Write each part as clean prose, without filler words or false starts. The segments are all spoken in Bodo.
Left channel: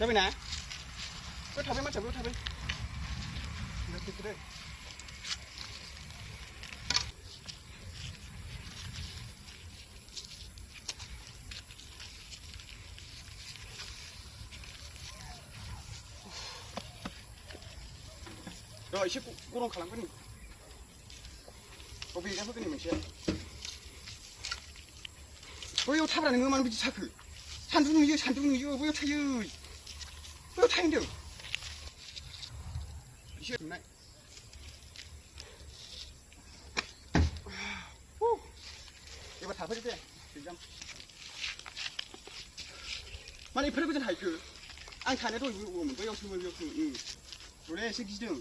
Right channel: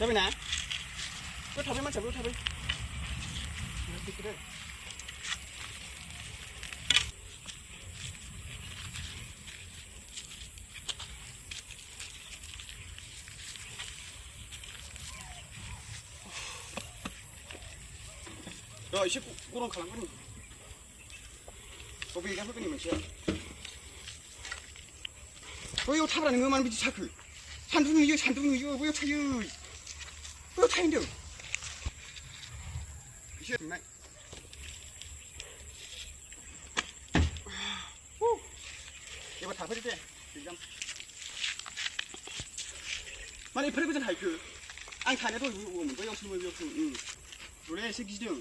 Tapi na, kau tapi macam tu tapi, nanti kita. Rồi, sẽ cô đông khả năng cái này. Có bị cái này mình xem. 왜 이거 타라는 거만 비지 차크. 산둥이 이거 왜 이거 타요. 왜 이거 타는데. 이게 나. 이거 다 버릴 때. 지금. 만약에 버리거든 하이크. 안 타네도 오면 뭐 영수 응. 노래 시키죠.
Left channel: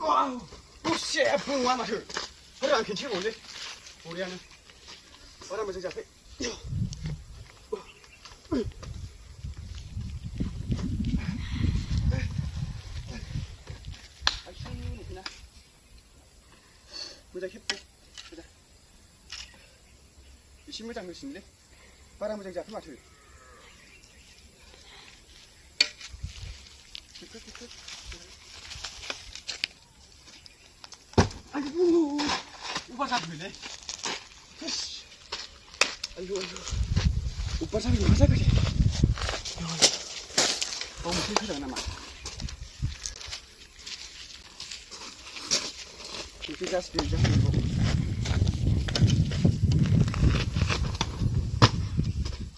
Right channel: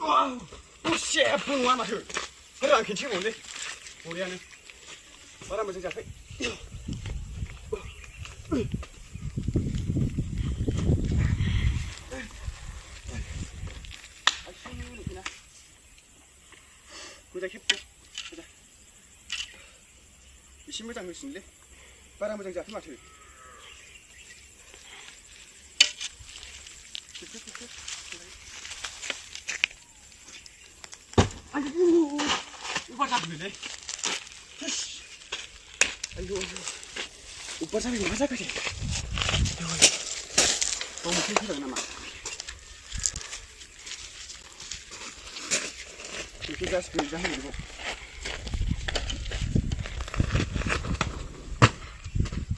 와우, 씨, 붕와 마셔. 그래 안 괜찮고 온데. 우리 안에 바람을 좀 잡해. 모자 캡죠. 보자. 이 신문장 글씨인데 바람을 좀 잡해 마셔. 아이고, 오빠 잡으래. 아이고, 오빠 잡으면 맞아가지. 너무 슬프다, 나마. 이렇게 가서 빌자, 이거.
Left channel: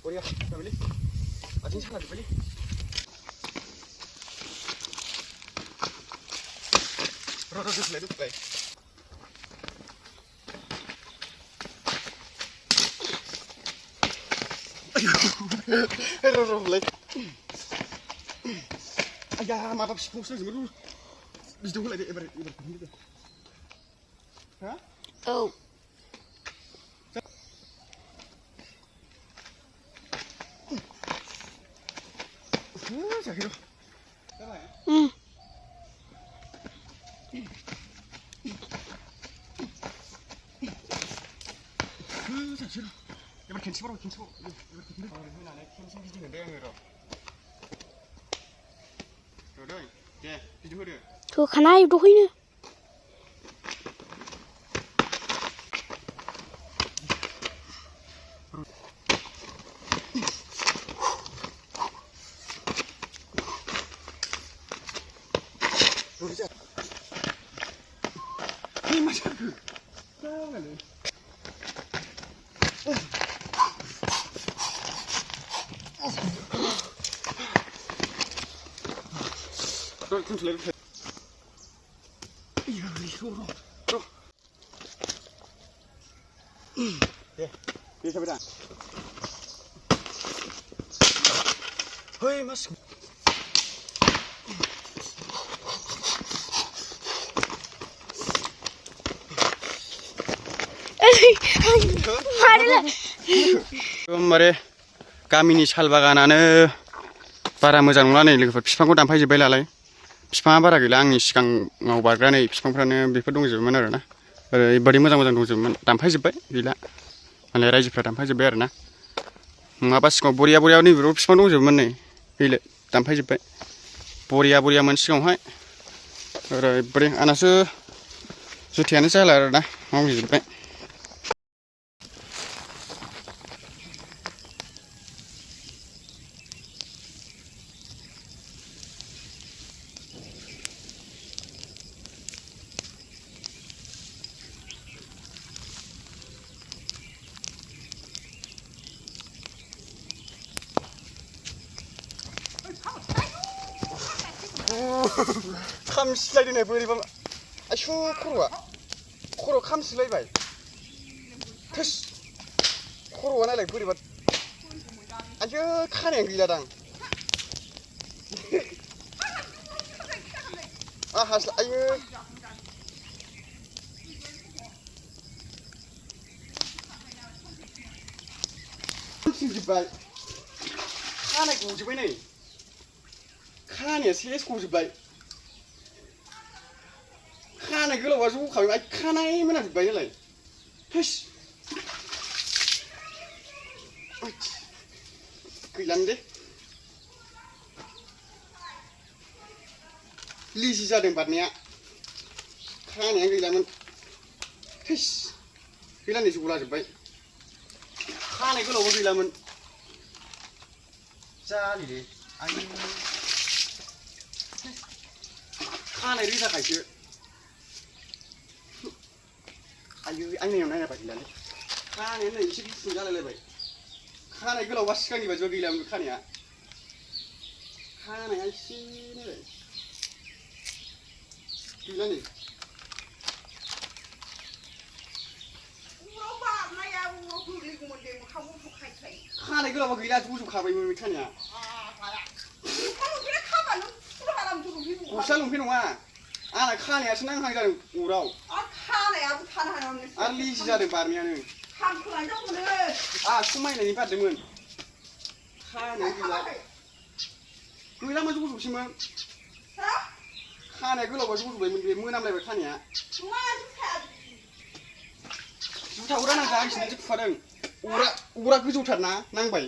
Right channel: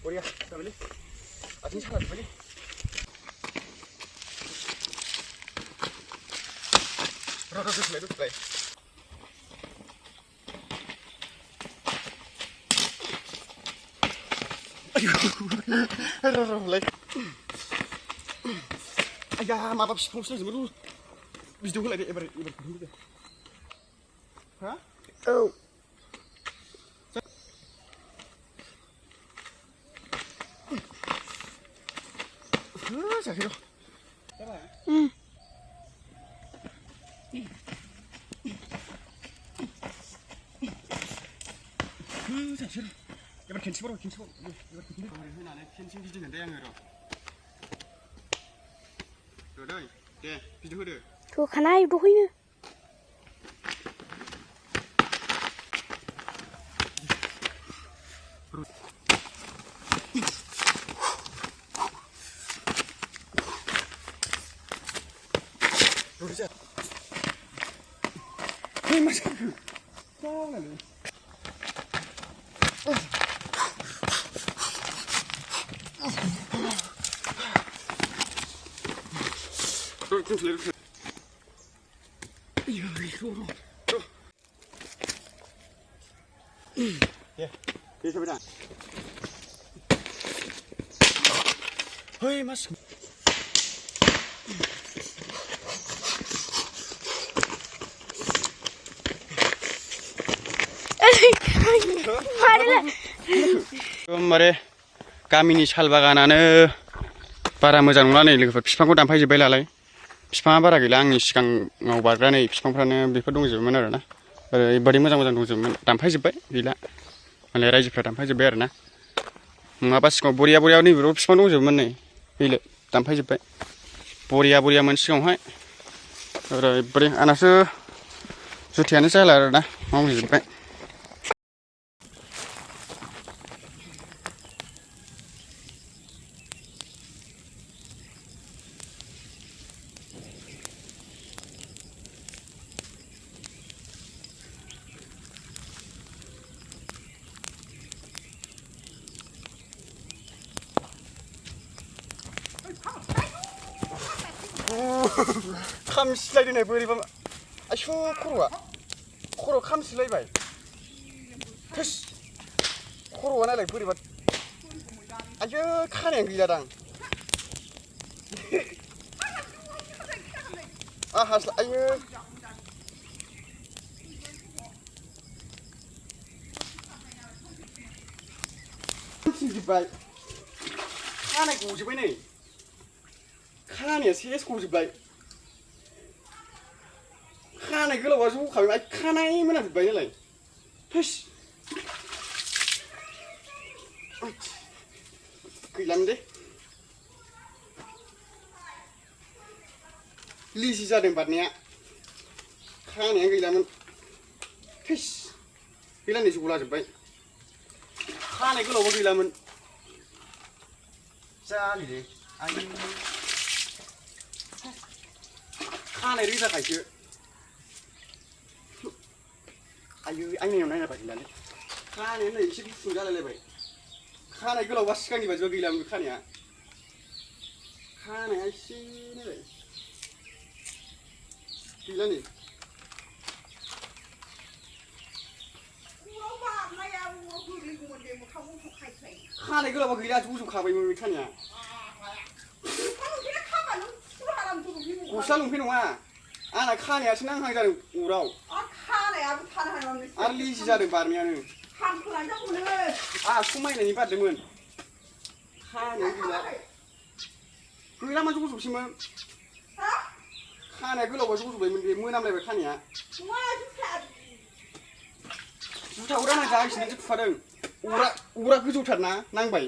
우리가 잡을래? 아침 차가 잡을래? 러러러 플레이. Aduh, lek. Ayah, maaf sponsor sebelum. Bisa dulu lagi ibarat. Hah? Oh. Sakit. sakit. 이번 캔치보러 이번 나네 캔치 비즈는데 양으로 그래 예 비즈 흐르 저 가나이도 호이네 그러자 이 맞아 그 싸우네 좀 들려. 이거. 예. 이 잡이다. 어이, 맛있. 말에 가민이 찰바가나는 바라 모자 농라네 이렇게 비판고 담파이지 벨라래. 비판아 바라 길라 아니 시간하고 바라네 비판프라는 비판 동지면 알아나. 버리 모자 동지면 담파이지 벨 길라. 안에 라이지프라 담파이지 벨나. 마바스고 보리아보리아니 비판 동지면 네. 길라 담파이지 벨. 보리아보리아만 시간하이. 버리 아나스 주티안에 잘라나. 마무리 벨. 캄 슬라이드네 보리밤 아휴 코로 캄 슬라이바이 터시 코로 원하래 보리밤 아휴 칸에 그자당 हास्ला आयो जोब्बाय खानाय गजोब्बाय नै खानाया सेस गजोब्बाय खानाय गोलावा जखाबाय खानाय मोनाजोब्बाय नालाय थोस गैलानो दे लिजि जादों बारनाया खानाया गैलामोन थोस गैला नै जलाजोब्बाय खानाय गोलावबो गैलामोन जालिले आयु खानाय रोजाखायसो आयु आयनायाव नायनाबा गैलालै खानाया नै एसे गुसुं जालायलायबाय खानाय गोलावबा सिगांनि बायदिबा गैलामोन खानाया खानाया एसे नायलाय गैला नै खानाय गोलावबा गैला जजोबखाबायमोन खानाया गस्ला लंपेन्ट नङा आंना खानायासो नांहां जादों अराव आरो लिजि जादों बारनायानो समायनायनि बारदोंमोन खानाया गैला गैला मा जजोबसैमोन खानाया गोलावबा जजोबबायमोन बे मोनामलायबाय खानाया जुथा अरा नांजागासिनो फुफादों अरा गोजौथारना नांबाय